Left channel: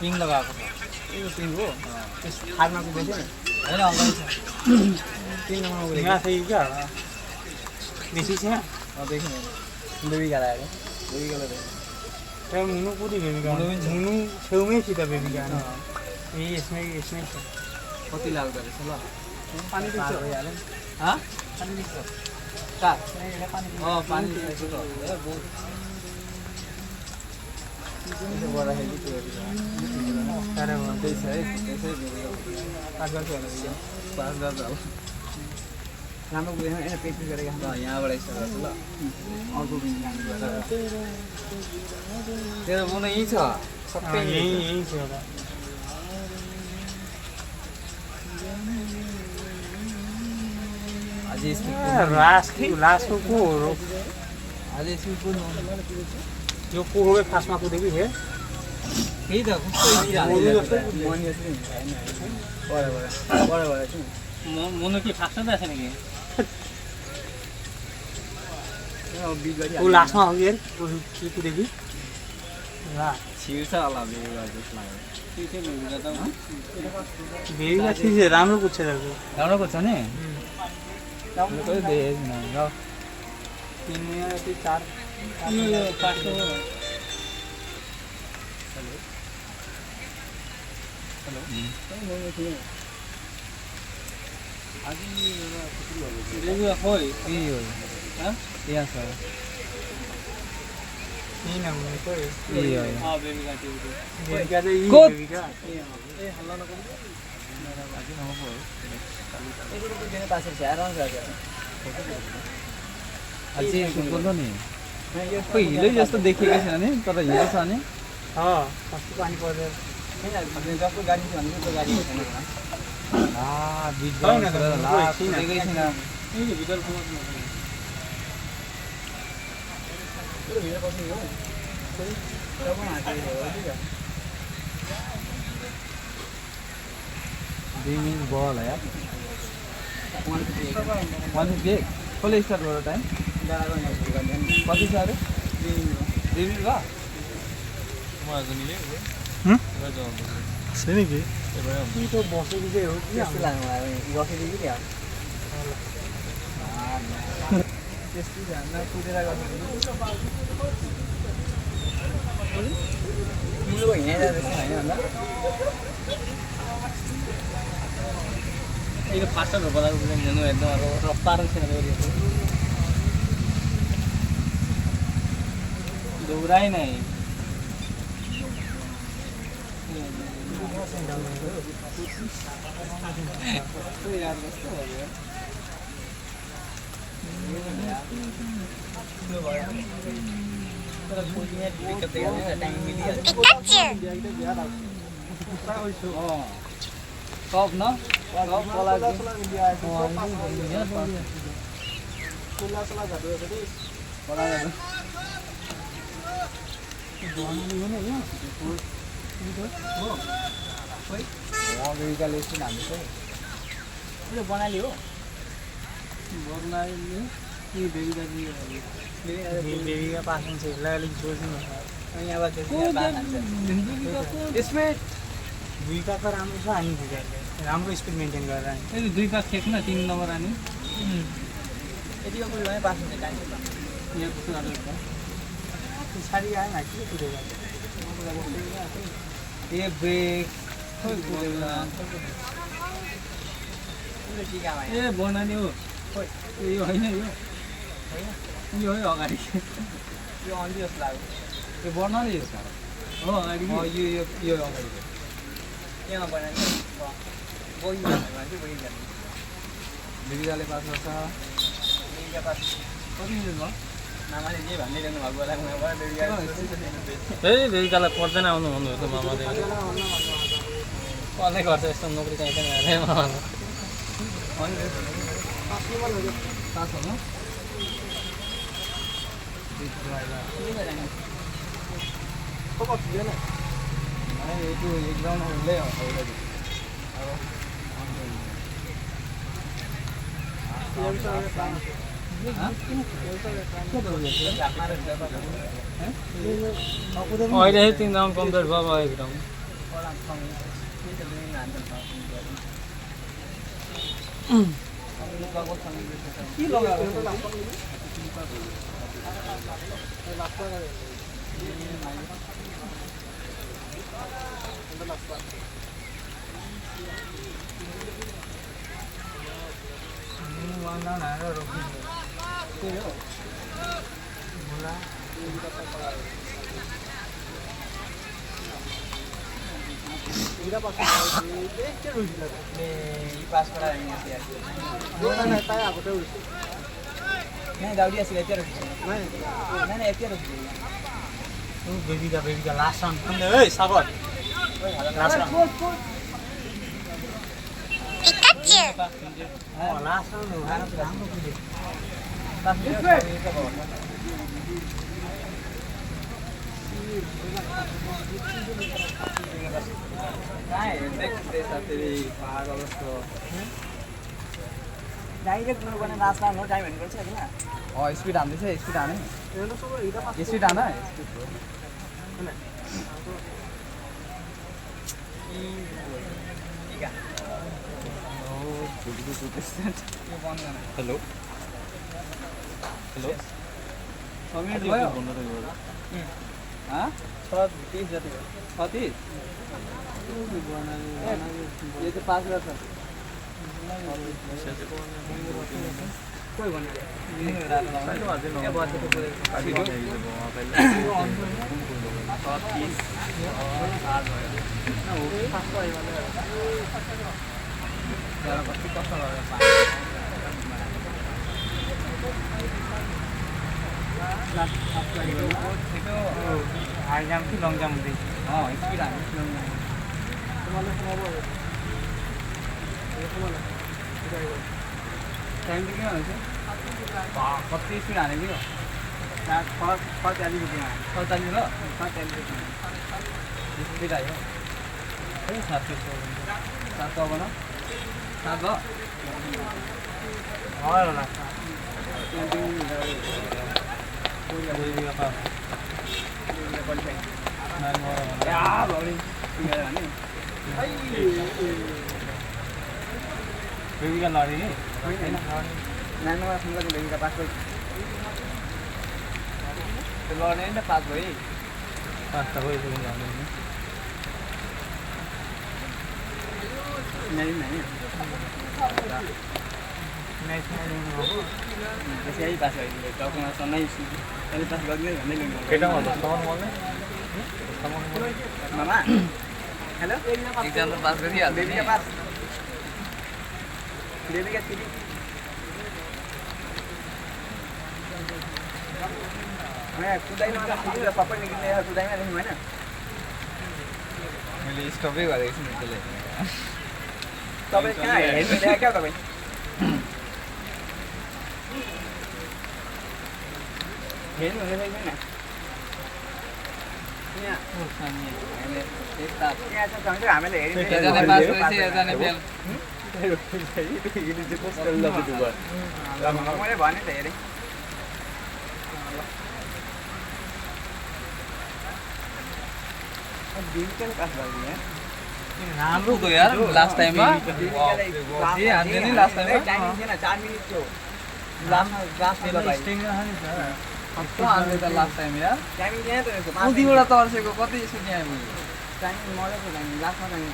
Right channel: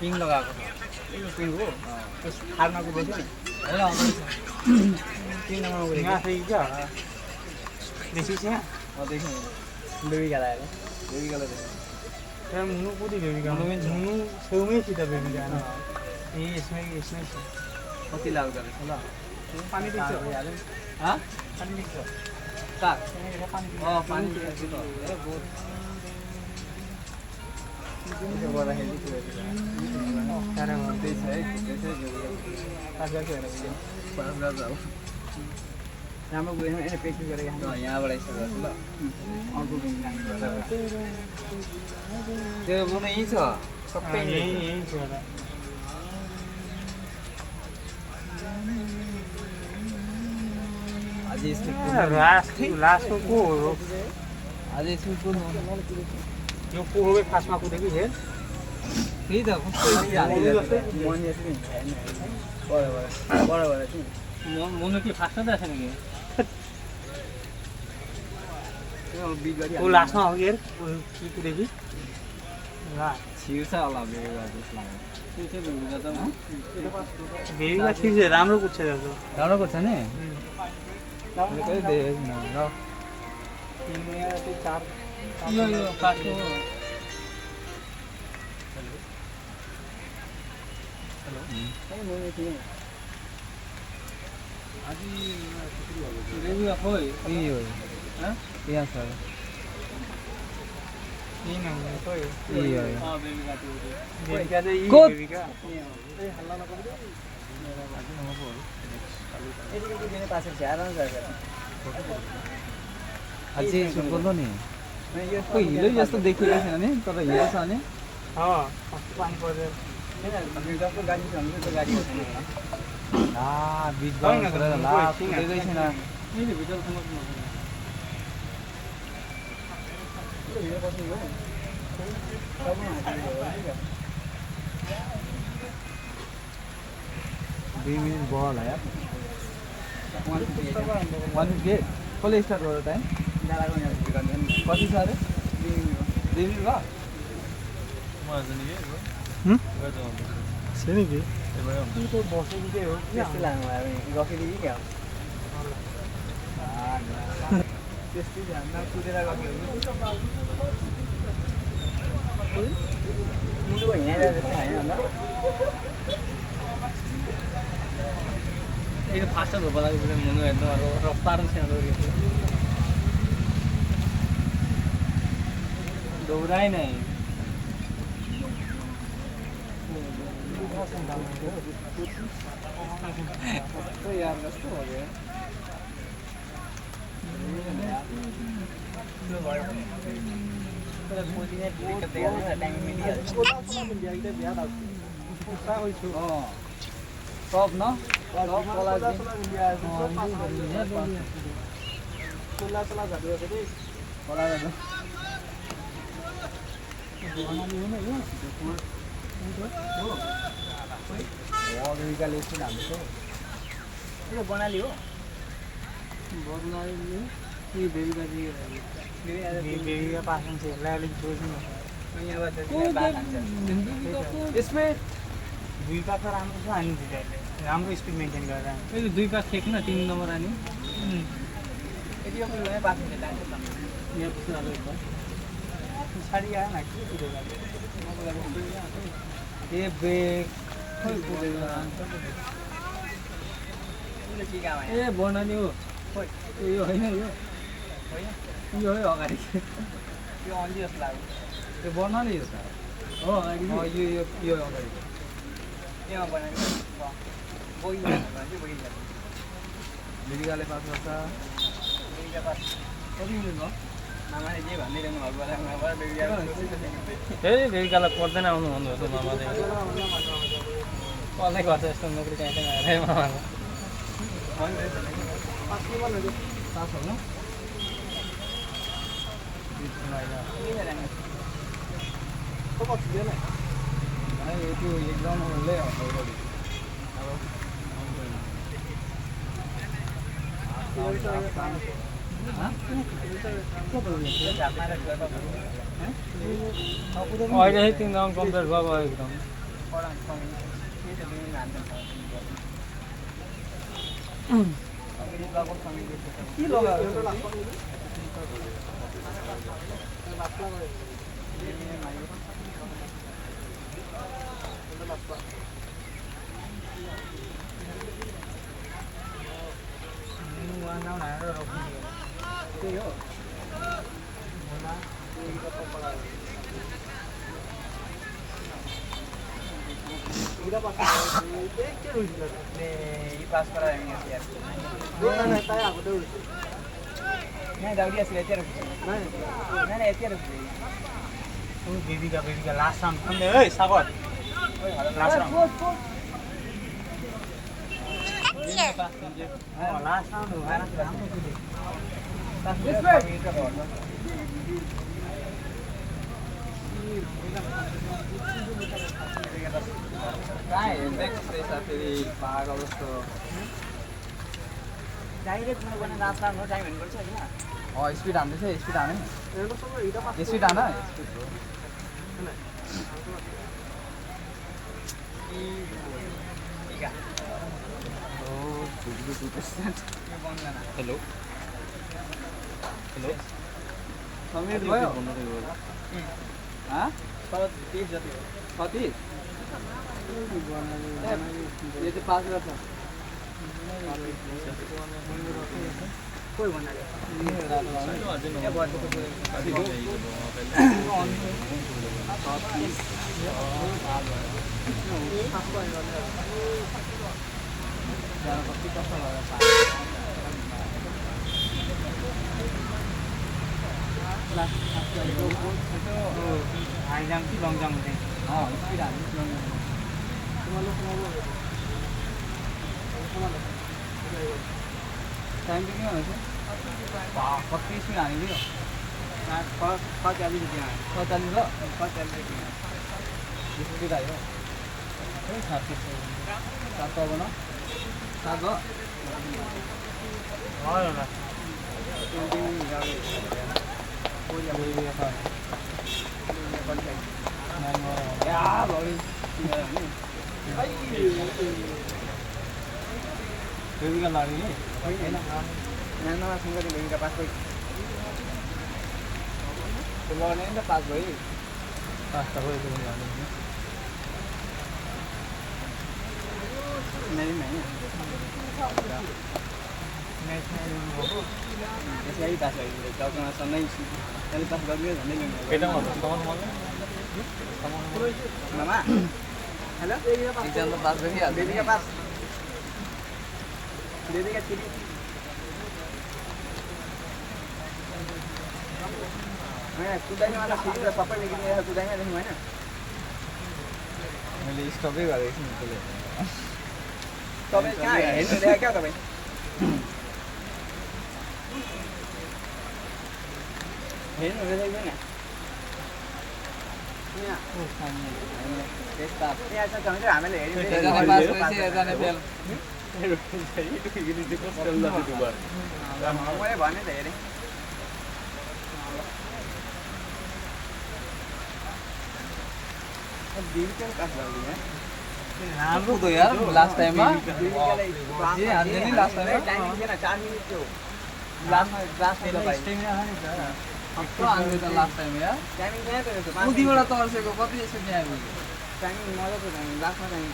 पिङ लगाएको पिङ हो फार्माको बेसी होइन पिङ लगाएको क्या देखी छ देखि बेबी गाला आएको बेबी गाला त्यहाँ मुनु पुरी बेबी गाला मुनु छेउमै छ त बेबी गाला यसमै छ कति लाग्दो रहेछ ल पानी दिन्छ भइहाल्यो हँ पानी दिन्छ कहाँ पानी दिन्छ राम्रो गयो यसो प्र्याक्टिस गरेर यहाँबाट यस्तो गर्छु ल अर्को दिन तेरो मन यहीँ छ सबै यहीँ छ अझै लास्टको को हो अझै यसको को यो को हो खासमा कुदेको थिएँ त्यही त कस्तो मन के फास्ट त छैन कि ऊ लास्टमा हो यार के कुदेको छिर्छ होला बेबीलाई जस्तो लाग्यो त्यो चाहिँ बेबीलाई त बेबीलाई छिर्छ राम्रो कुद्छ राम्रो कुद्छ नि राम्रो देख न ल चार यो फास्ट हो हेलो बेबी खोइ ए हो हाँ यहाँ सर ये ना कोई ये हां बेबी का बेबी का ये बेबी का ए हल्ला न करो आज न हो मेरे पास से आराम कर अझै सुन्नु नि खोइ हिलो जस्तो देखिएको छैन नि तर हिलो छ नि कस्तो पानी पर्यो जस्तो गाडी छ भने त्यो गाडी छैन बिजल ला कुदेकै छैन भित्र बल है यार 158 कसले स्टार्ट गर्यो टाइम कति छ अरे 2 मिनट भयो छैन कि तो बसेको चाहिँ हो त्यस्तै लाग्नु लाग्यो बसेको क्या त्यस्तै जान्न कुदेर गएको किलो हिँडेर जस्तो होइन यो फास्टर भोपालाको कुरा मन एकदम रफ्तार थिएन दौड़ाई नहीं यार कस्तो हो गयो सब न सब कलाजी बनाली हो बेबी का पासन से अलिक जोड्नु यसमै दुई का त राम्रो छ हामी राम्रो स्पिड मेन्टेन गरेर दुई पास खेप न 3 नम्बर आनी यतिको कुरामै पास हुन्छ टाइम यो कुराले पछाडी आएन ए ब्रेक खोइ ए बनानी हो खोइ यो होइन यो है अगाडि यो अलि जस्तो लाग्यो यो बनानी हो अगाडि यो अगाडि केमा बनानी बेबीले पास गर्छ बेबीले पास कति दिन भयो नामाले के भनिरहनु भएको बेलामा बेबीकालाई पर्दैन आउनु भन्नु हो मामा कसले गर्छ यस्तो नोकरी कहीँ त्यो एकदम उसले अहिले तिन राउन्ड कम्प्लिट भयो एकदम के लगाएको त्यही हो पास कराएंगे नहीं दाउड़ी ऐसी लेते रखी नहीं ऐसे रखी बेबी का लास्ट राउन्ड ए सागर लास्ट राउन्ड लास्ट डाइरेक्ट मैं बने लास्ट नाम हो टाइम हैन गर्छ हैन स्पिड हान्दैछ स्पिड हाने स्पिड हान हेलो हेलो कमेन्ट भयो हाँ 30 जति 30 ये तो 5 गर्छ कोही भन्नाले कति कस्तो हाई जाम्प कि लङ जाम्प हुँदै स्पिड हान्नु टाइम चाहिँ किन हुन्छ कति स्पिड हानेको यो 45 रुपियाँ 45 र 45 स्पिड आयो खै 7 7 भयो होला बेबीका लडी नि होइन नानोमा सँग बेबीका पास भयो त्यो लड्ने नि त पास भयो पास्ता भयो त्यो यही पास भयो टाउकोमा सनै अहिले पास गर्ने भन्दै मामा हेलो एक्जाम त पास गरिहाल्छ बेबीका पास बेबीका चिठी कुदाइमा फेरि सबै निक्लिने कुदाइमा लेख्नु होइन मैले स्टपै गरेको छु नि त्यसले तपाईँ कहाँ हेर्नु ल्यायो क्या तपाईँ हेर्नु हुँदैछ कि हामीले मैले भने त हेरेँ राम्रो त यार लास्ट टाइममा लास्ट टाइममा टाइमिङ थिएन 4 मिनेट थियो लास्ट लास्ट टाइम यार टाइमिङ थिएन त उदिबाट तर्सेको कति स्पिड आयो टाइमिङ मजाको टाइमिङ लास्टमा टाइमिङ